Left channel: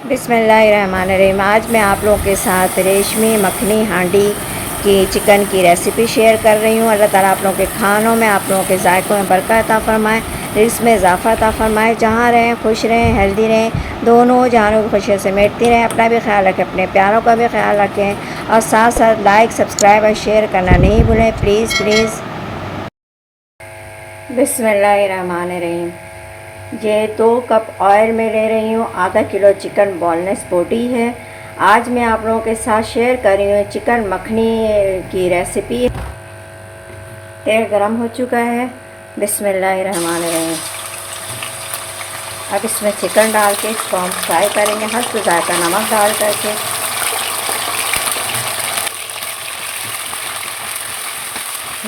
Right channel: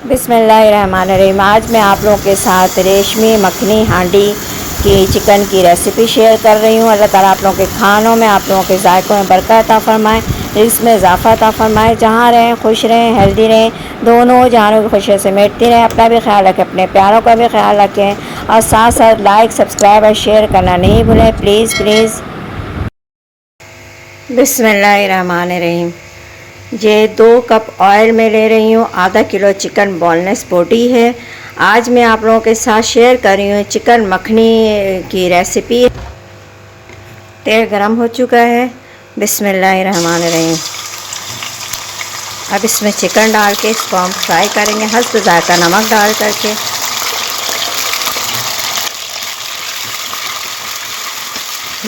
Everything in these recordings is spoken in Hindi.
बिस्मिल्लाहिर्रहमानिर्रहीम। आज मैं आप लोगों के साथ रेशमी मखनी हांडी की चिकन की रेसिपी शेयर कर रही हूँ। अल्लाह ताला आप लोगों के खानों में, आप लोगों के जायकों में बरकत अता फ़रमाए, इसमें इजाफ़ा अता फ़रमाए। जहाँ रहें खुश रहें, हेल्दी रहें, दोनों जहानों की खुशियों से मेटती रहें। अपना भी ख्याल रखें, अपने प्यारों का भी ख्याल रखें और साथ साथ लाइक, सब्सक्राइब और शेयर करना नहीं भूलें, प्लीज़ प्लीज़। बिस्मिल्लाहिर्रहमानिर्रहीम। ये 2 कप ऑयल में ले रही हूँ। आधा किलो चिकन बोनलेस बोटी है। आज मैं आप लोगों के साथ शेयर कर रही हूँ चिकन मखनी की रेसिपी। तेल गरम हो चुका है। बिस्मिल्लाहिर्रहमानिर्रहीम। अब इसमें चिकन डाल के इसको हम फ्राई करेंगे हस्ब जायका नमक डाल करके।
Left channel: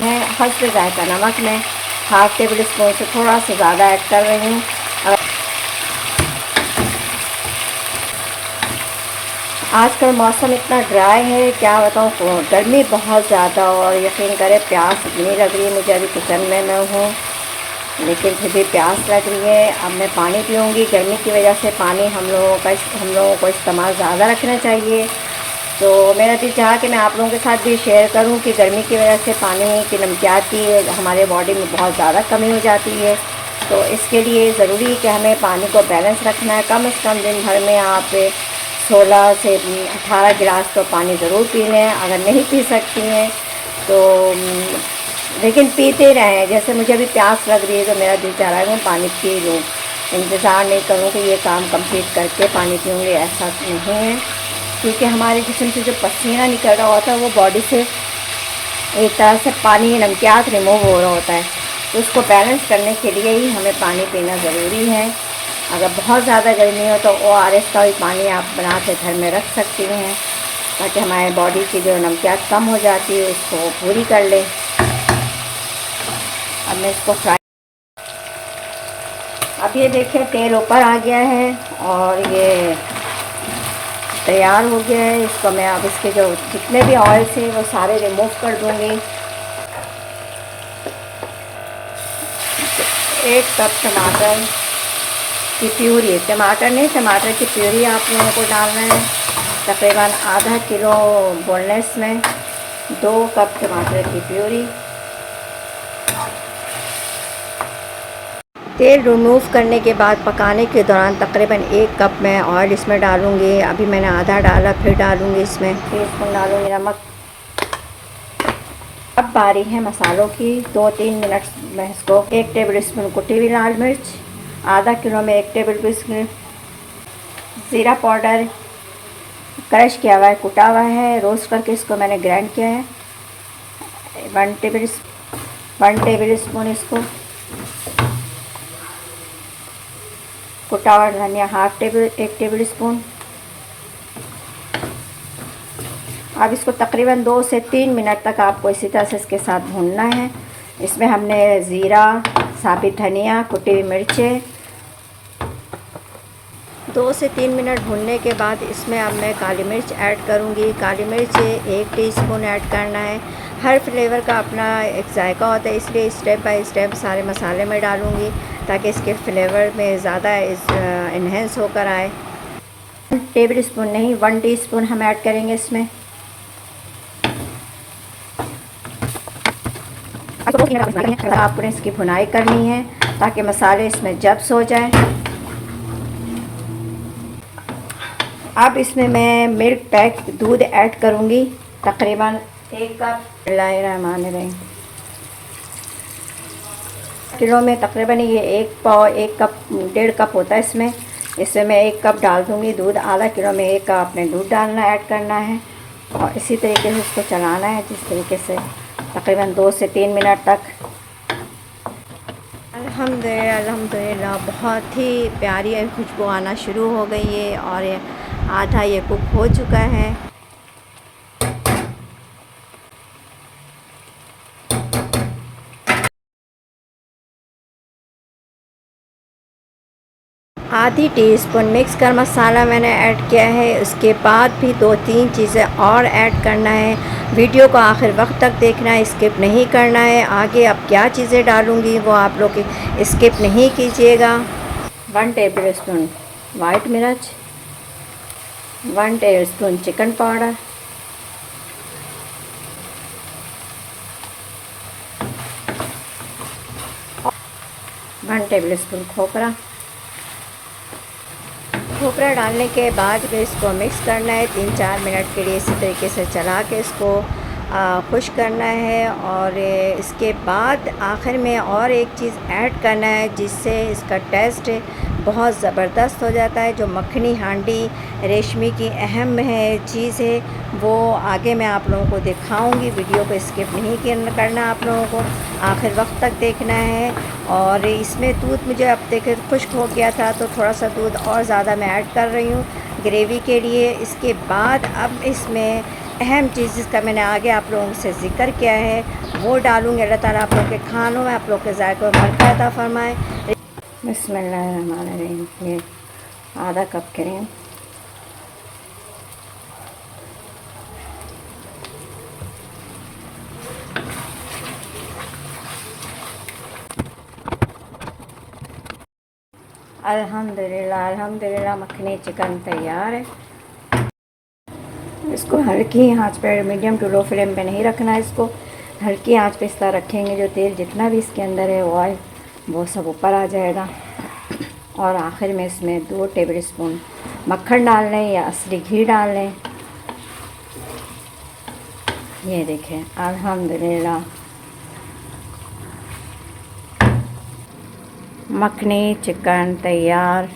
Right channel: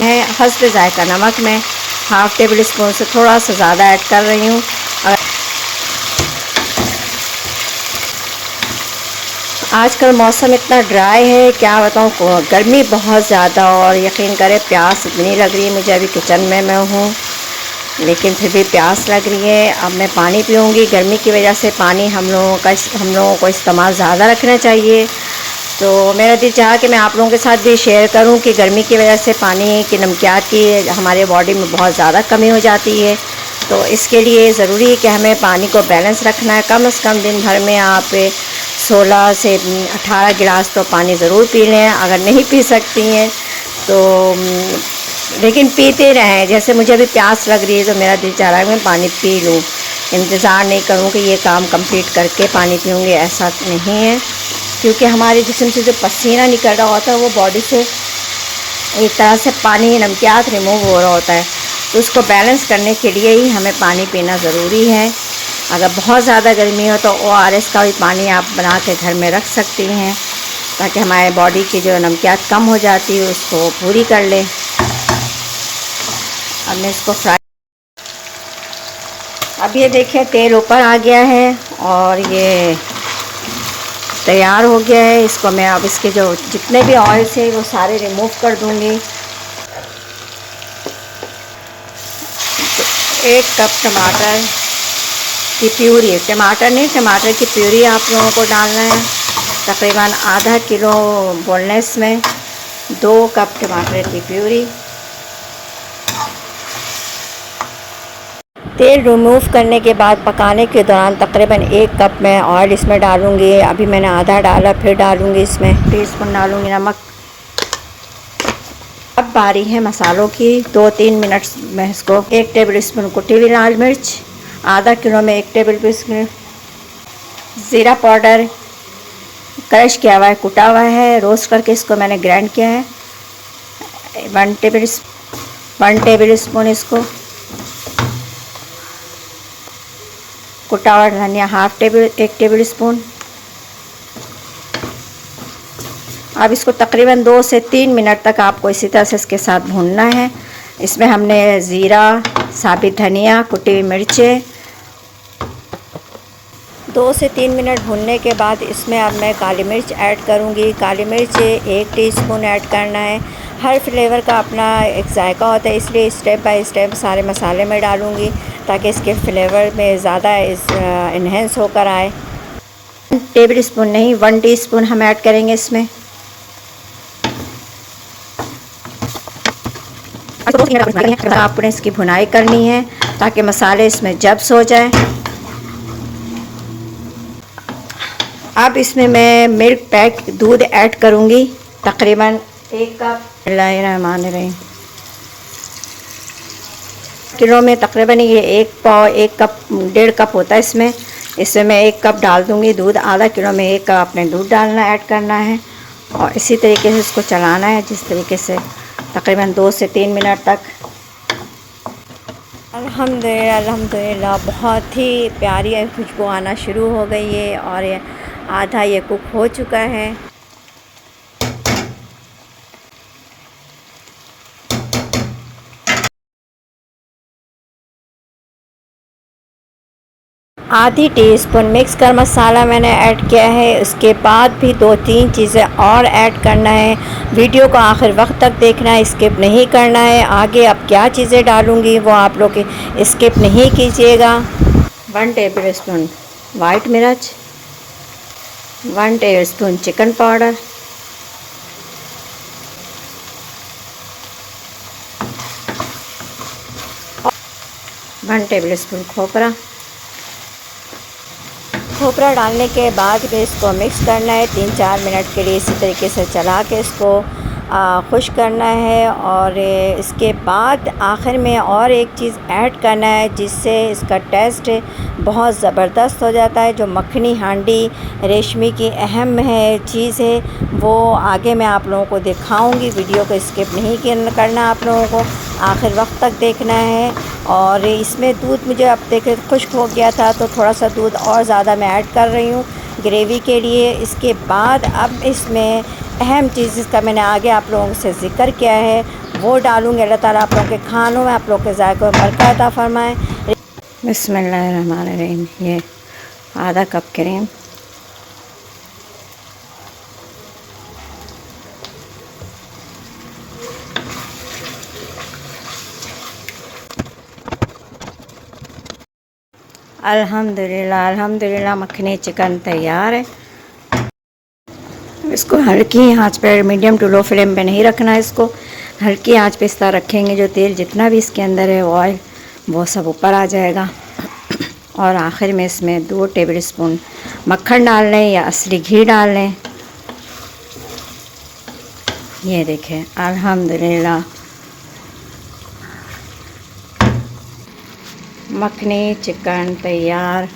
मैं हस्ब जायका नमक में हाफ़ टेबल स्पून से थोड़ा सा ज़्यादा ऐड कर रही हूँ। आजकल मौसम इतना ड्राई है, क्या बताऊँ, गर्मी बहुत ज़्यादा और यकीन करें प्यास इतनी लग रही है मुझे। अभी किचन में मैं हूँ लेकिन फिर भी प्यास लग रही है। अब मैं पानी पीऊँगी। गर्मी की वजह से पानी हम लोगों को इस्तेमाल ज़्यादा रखना चाहिए। तो मेरा दिल चाहा कि मैं आप लोगों के साथ भी शेयर करूं कि गर्मी की वजह से पानी की नमकियात की हमारे बॉडी में बहुत ज़्यादा कमी हो जाती है। तो इसके लिए ज़रूरी है कि हमें पानी को बैलेंस रखना है। कम से कम दिन भर में आप 16 से 18 गिलास तो पानी ज़रूर पी लें। अगर नहीं पी सकती हैं तो लेकिन पीते रहें। जैसे मुझे अभी प्यास लग रही है तो मेरा दिल चाह रहा है मैं पानी पी लूँ। इंतज़ार नहीं करूँ कि ये काम कंप्लीट करके पानी पीऊँगी, ऐसा नहीं है। क्योंकि हमारे जिस्म से जो पसीना निकल रहा होता है वो बॉडी से एक तरह से पानी नमकियात रिमूव हो रहा होता है। तो उसको बैलेंस करने के लिए ही हमें पानी पीना ज़रूरी है। अगर बहुत ज़्यादा गर्मी हो तो ORS का भी पानी आप बना के घर में रख सकती हैं ताकि हमारे बॉडी की जो नमकियात कम हो जाती है उसको पूरी कर ले। अब मैं इसको फ्राई, अब ये देखिए तेल ऊपर आ गया है और ये तैयार हो गया है। इसको मैं अब इसके जो जितने भी ऑयल से वो सारे रिमूव कर दूँगी। 1 कप टमाटर की प्यूरी, टमाटर नहीं, टमाटर की प्यूरी आप लोगों को डालना है। तकरीबन आधा किलो बोनलेस में 2 कप टमाटर की प्यूरी। तेल रिमूव करने के बाद पकाने के दौरान तकरीबन 1 कप मैं ऑयल इसमें डालूँगी। अभी मैंने आधा डाला, फिर डालूँगी इसमें टीस्पून डालूँगी नमक। अब बारी है मसालों की। 2-3 मिनट में इसको 1 टेबल स्पून कुटी हुई लाल मिर्च, आधा किलो में 1 टेबल स्पून ज़ीरा पाउडर क्रश किया हुआ है, कुटा हुआ है, रोस्ट करके इसको मैंने ग्राइंड किया है। 1 टेबल स्पून इसको कुटा हुआ धनिया, 1 टेबल स्पून। अब इसको तकरीबन 2 से 3 मिनट तक आपको इसी तरह से इसके साथ भूनना है। इसमें हमने ज़ीरा, साबित धनिया, कुटी हुई मिर्चें 2 से 3 मिनट भूनने के बाद इसमें अब मैं काली मिर्च ऐड करूँगी। काली मिर्च 1 टीस्पून ऐड करना है। हर फ्लेवर का अपना एक जायका होता है, इसलिए स्टेप बाय स्टेप सारे मसाले में डालूँगी ताकि इसके फ्लेवर में ज़्यादा इन्हेंस होकर आए। 1 टेबल स्पून नहीं, 1 टीस्पून हम ऐड करेंगे इसमें। आपने इसकी भुनाई करनी है ताकि मसाले इसमें जब्स हो जाए। अब इसमें मैं मिल्क पैक दूध ऐड करूँगी, तकरीबन 1 कप। बिस्मिल्लाहिर्रहमानिर्रहीम। किलो में तकरीबन ये 1 कप 1.5 कप होता है। इसमें मैं 1 कप डाल दूँगी दूध। आधा किलो में 1 कप अपने दूध डालना ऐड करना है और इसी तरीके से इसको चलाना है, जिस तरीके से तकरीबन 2 से 3 मिनट तक। अल्हम्दुलिल्लाह बहुत ही प्यारी खुशबू आना शुरू हो गई है और आधा ये कुक हो चुका है। आधी टीस्पून मिक्स कर मसाला मैंने ऐड किया है। उसके बाद भी 2-3 चीज़ें और ऐड करना है। वीडियो को आखिर वक्त तक देखना है, स्किप नहीं करना है। आगे अब क्या चीज़ें डालूँगी वो आप लोग स्किप नहीं कीजिएगा। 1 टेबल स्पून वाइट मिर्च, 1 टेबलस्पून चिकन पाउडर, 1 टेबलस्पून खोपरा डालने के बाद फिर इसको मिक्स करना है 3-4 मिनट के लिए। इसी तरीके से चला के इसको खुश करना है। और इसके बाद आखिर में और एक चीज़ ऐड करना है जिससे इसका टेस्ट बहुत ज़बरदस्त हो जाता है। जो मखनी हांडी रेशमी की अहम है चीज़ है, वो आगे मैं आप लोगों को दिखाऊंगी। वीडियो को स्किप नहीं करना, आप लोगों को आखिर वक्त तक देखना है। और इसमें दूध मुझे अब देखे खुश्क हो गया था, तो थोड़ा सा दूध और ज़्यादा मैं ऐड कर रही हूँ ग्रेवी के लिए। इसके बाद अब इसमें अहम चीज़ जिसका मैंने आगे आप लोगों से ज़िक्र किया है वो डालूँगी। अल्लाह ताला आप लोगों के खानों में, आप लोगों के ज़ायक़े में बरकत अता फ़रमाए। बिस्मिल्लाहिर्रहमानिर्रहीम। ये आधा कप क्रीम, अल्हम्दुलिल्लाह अल्हम्दुलिल्लाह मखनी चिकन तैयार है। इसको हल्की आंच पर, मीडियम टू लो फ्लेम पे नहीं रखना है, इसको हल्की आंच पे इस तरह रखेंगे। जो तेल जितना भी इसके अंदर है ऑयल, वो सब ऊपर आ जाएगा। और आखिर में इसमें 2 टेबलस्पून मक्खन डाल लें या असली घी डाल लें। ये देखें अल्हम्दुलिल्लाह मखनी चिकन तैयार।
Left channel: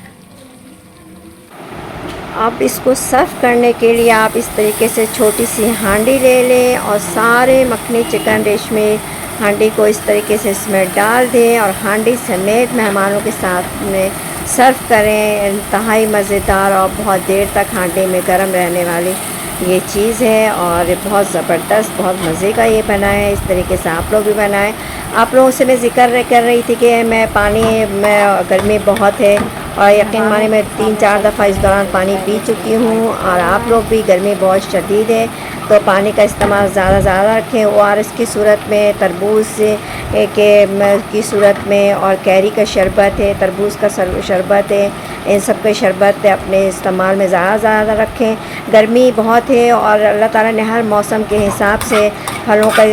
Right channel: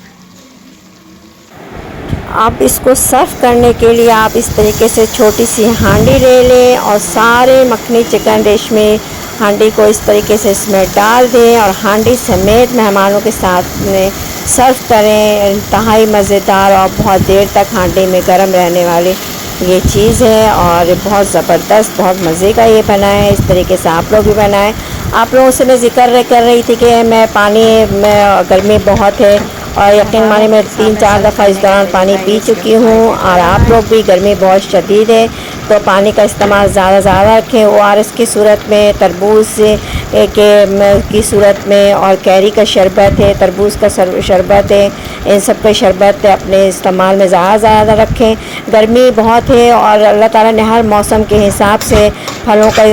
आप इसको सर्व करने के लिए आप इस तरीके से छोटी सी हांडी ले लें और सारे मखनी चिकन रेशमी हांडी को इस तरीके से इसमें डाल दें और हांडी समेत मेहमानों के साथ में सर्व करें। इंतहाई मज़ेदार और बहुत देर तक हांडी में गर्म रहने वाली ये चीज़ है और बहुत ज़बरदस्त, बहुत मज़े का ये बना है। इस तरीके से आप लोग भी बनाएं। आप लोगों से मैं ज़िक्र कर रही थी कि मैं पानी में गर्मी बहुत है और यकीन माने मैं 3-4 दफ़ा इस दौरान पानी पी चुकी हूँ। और आप लोग भी, गर्मी बहुत शदीद है तो पानी का इस्तेमाल ज़्यादा रखें। ORS की सूरत में, तरबूज की सूरत में, और कैरी का शरबत है, तरबूज का शरबत है, इन सब के शरबत अपने इस्तेमाल में ज़्यादा रखें। गर्मी बहुत है और अल्लाह ताला ने हर मौसम के हिसाब से फलों का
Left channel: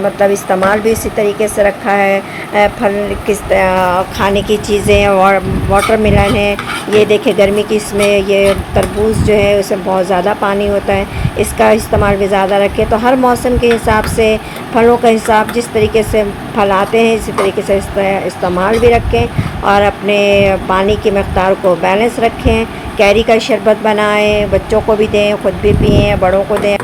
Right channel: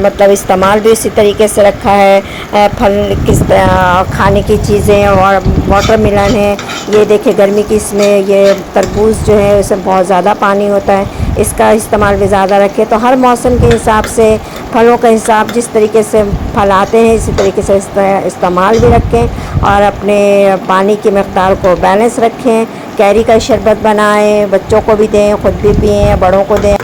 मतलब इस्तेमाल भी उसी तरीके से रखा है। फल किस खाने की चीज़ें और वाटरमेलन है, ये देखें गर्मी की, इसमें ये तरबूज जो है उसमें बहुत ज़्यादा पानी होता है, इसका इस्तेमाल भी ज़्यादा रखें। तो हर मौसम के हिसाब से फलों का हिसाब, जिस तरीके से फल आते हैं इसी तरीके से इस्तेमाल भी रखें और अपने पानी की मकदार को बैलेंस रखें। कैरी का शरबत बनाएं, बच्चों को भी दें, ख़ुद भी पिएं, बड़ों को दें।